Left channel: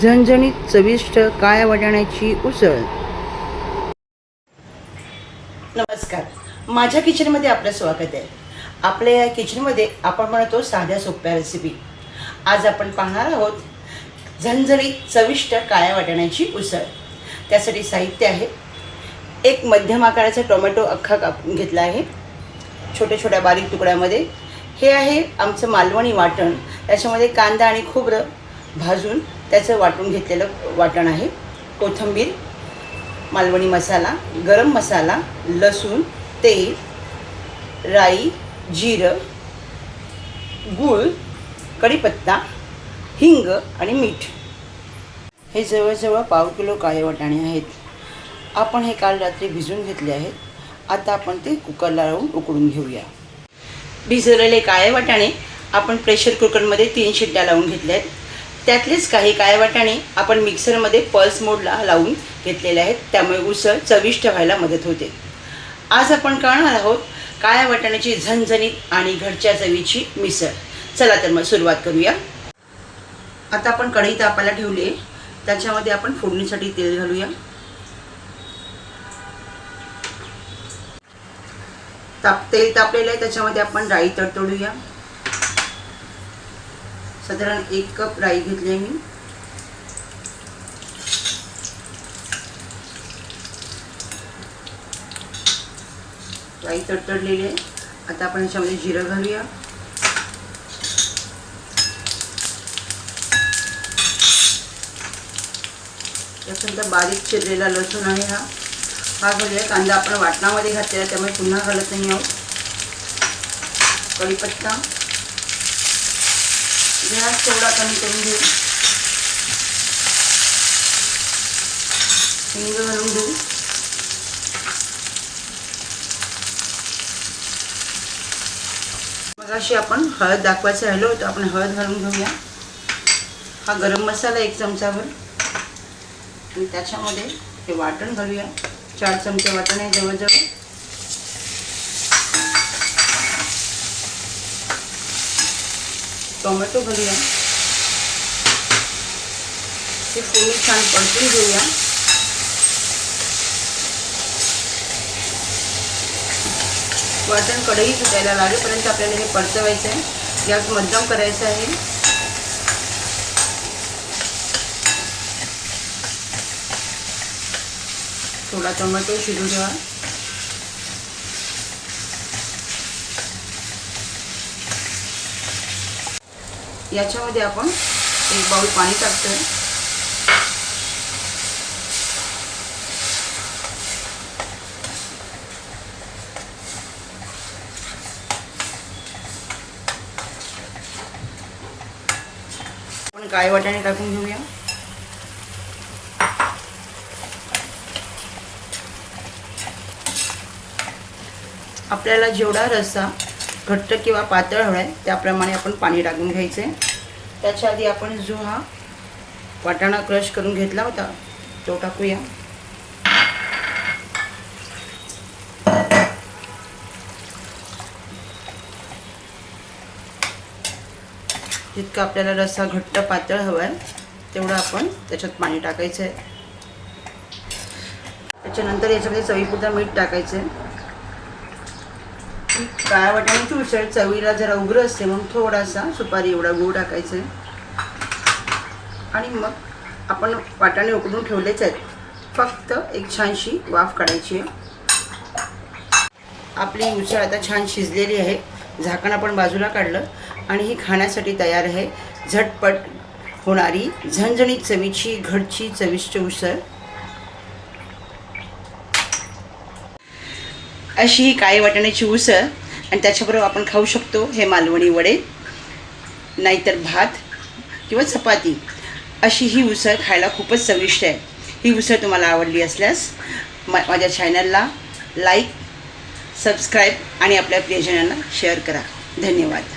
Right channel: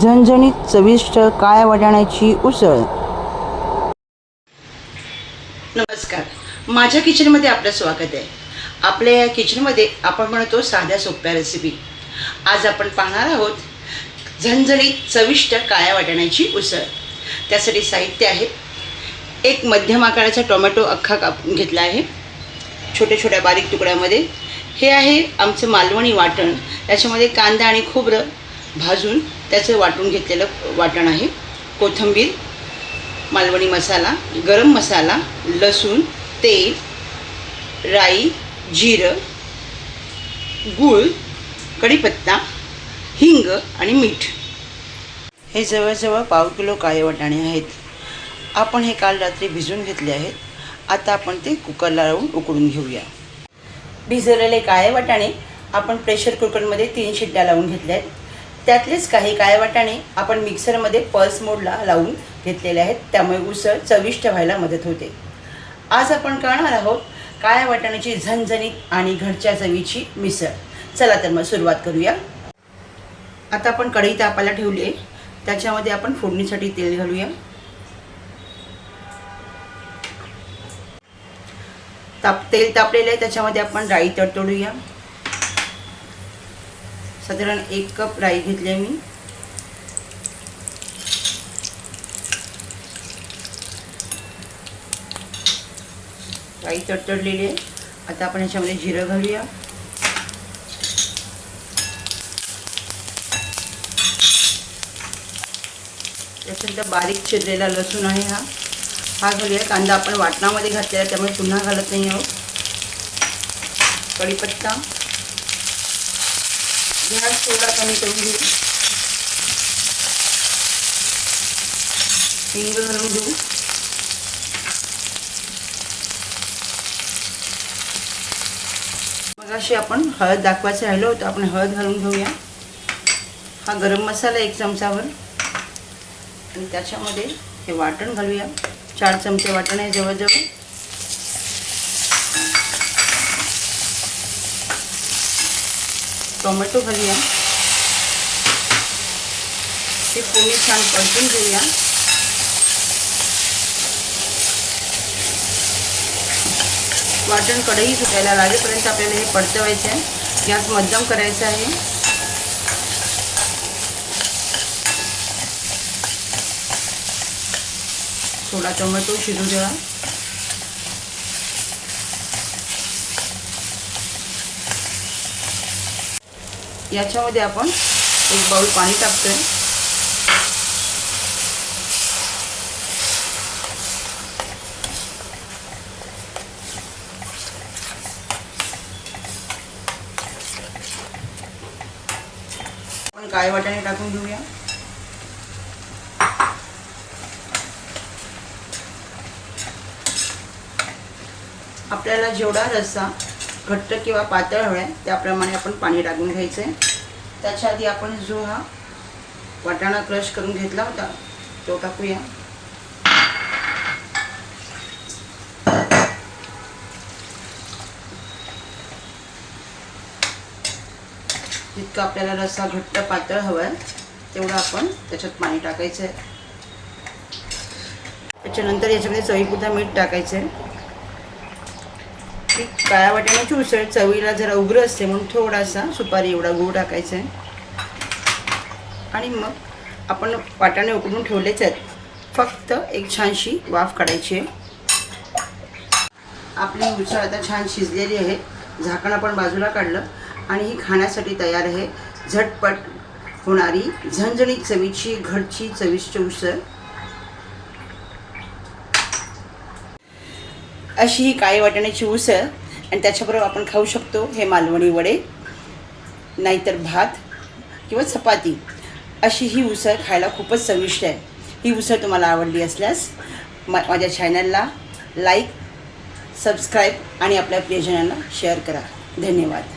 झणझणीत चविष्ट काळ्या वाटाण्याची उसळ। नमस्कार, माझ्या किचनमध्ये आपलं स्वागत आहे। आपल्या या किचनमध्ये आपण म्हणतो साध्या सोप्या रेसिपी। आज आपण पाहणार आहोत झणझणीत चविष्ट काळ्या वाटाण्याची उसळ। त्यासाठी साहित्य आहे, एक मध्यम आकाराचा टोमॅटो अख्खा कापून घेतला आहे छोट्या छोट्या बारीक तुकड्यामध्ये। हे आहे आमचं मालवणी वाटण, त्याच्यामध्ये कांदा आणि खोबरं भाजून त्याचं वाटून घेतलेलं वाटण आहे। कोथिंबीर, मालवणी मसाला, गरम मसाला, लसूण, तेल, राई, जिरं, गूळ, कढीपत्ता, हिंग आणि मीठ। हे जवळजवळ पाव किलो काळे वाटाणे आहेत। आपण हे काल रात्री भिजवून घेतले आहेत। आता आपण ते कुकरला लावून उकळून घेऊया। भिजवलेले काळे वाटाणे आपण प्रेशर कुकरमध्ये 3 शिट्ट्या लावून घेतल्या आहेत। त्यातलेच काही काळे वाटाणे आपण मिक्सरमध्ये पल्स मोडला लावून घेतलेले आहेत, त्यामुळे उसळ चविष्ट व्हायला मदत होते। आज आपण करणार आहोत काळ्या वाटाण्याची झणझणीत आणि घरच्या चवीची मिसळ। चला तर मग सुरुवात करूया। आता आपण कढई तापायला ठेवली आहे, त्याच्यामध्ये आपण फोडणीसाठी तेल घालूया। तेल तापलेलं आहे, त्याच्यामध्ये आपण राई तडतडूया। साधारण 1 कप राई घेतली आहे मी। राई तडतडलेली आहे। आता आपण याच्यामध्ये जिरं घालूया। त्याच्यानंतर बारीक चिरलेला लसूण आहे हा घालूया। कांदा आपण वाटणामध्ये घातलेला, त्यामुळे पुन्हा घालत नाही आहोत। कढीपत्ता, गॅस थोडा कमी करून घेऊ। हिंग घालून घेऊ। मगाशी आपण हळद दाखवायचं राहिलं होतं, आपण हळद घालून घेऊया। हा गरम मसाला 1 चमचाभर आणि त्याच्यामध्ये हे वाटण घालूया। 4 चमचे वाटण आहे जवळजवळ। टोमॅटो घालूया। हे पूर्ण छान परतून घेऊया। वाटण कढई सुटायला लागेपर्यंत आपल्याला हे परतवायचं आहे। गॅस मध्यम करायचा आहे। थोडा टोमॅटो शिजू द्या। याच्यामध्ये आपण 1 बाउल पाणी टाकतोय। आपण काळे वाटाणे टाकून घेऊया। आपल्याला जेवढा रस्सा घट्ट किंवा पातळ हवा आहे त्याप्रमाणे आपण पाणी टाकून घ्यायचे। त्याच्या आधी आपण जो हा वाटाणा क्रश करून घेतला होता तो टाकूया। जितका आपल्याला रस्सा घट्ट पातळ हवा आहे तेवढं आपण त्याच्यात पाणी टाकायचं आहे। त्याच्यानंतर याच्यामध्ये चवीपुरतं मीठ टाकायचं आहे। काळ्या वाटाण्याची उसळ चवीला जरा उग्र असते म्हणून थोडासा सुपारी एवढा गूळ टाकायचा आहे। आणि मग आपण वाटाणे उकडून ठेवलेच आहेत, फक्त एक छानशी वाफ काढायची आहे। आपली उसळ आता छान शिजलेली आहे। झाकण आपण बाजूला काढलं आणि ही खाण्यासाठी तयार आहे। झटपट होणारी झणझणीत चवीची घरची चविष्ट उसळ। अशी ही काळी वाटाण्याची उसळ आणि त्याच्याबरोबर आपण खाऊ शकतो हे मालवणी वडे, नाहीतर भात किंवा चपाती। अशी ही उसळ खायला खूपच चविष्ट आहे। ही उसळ तुम्हाला आवडली असल्यास माझ्या चॅनलला लाईक, सबस्क्राईब आणि आपल्या प्रियजनांना शेअर करा। धन्यवाद।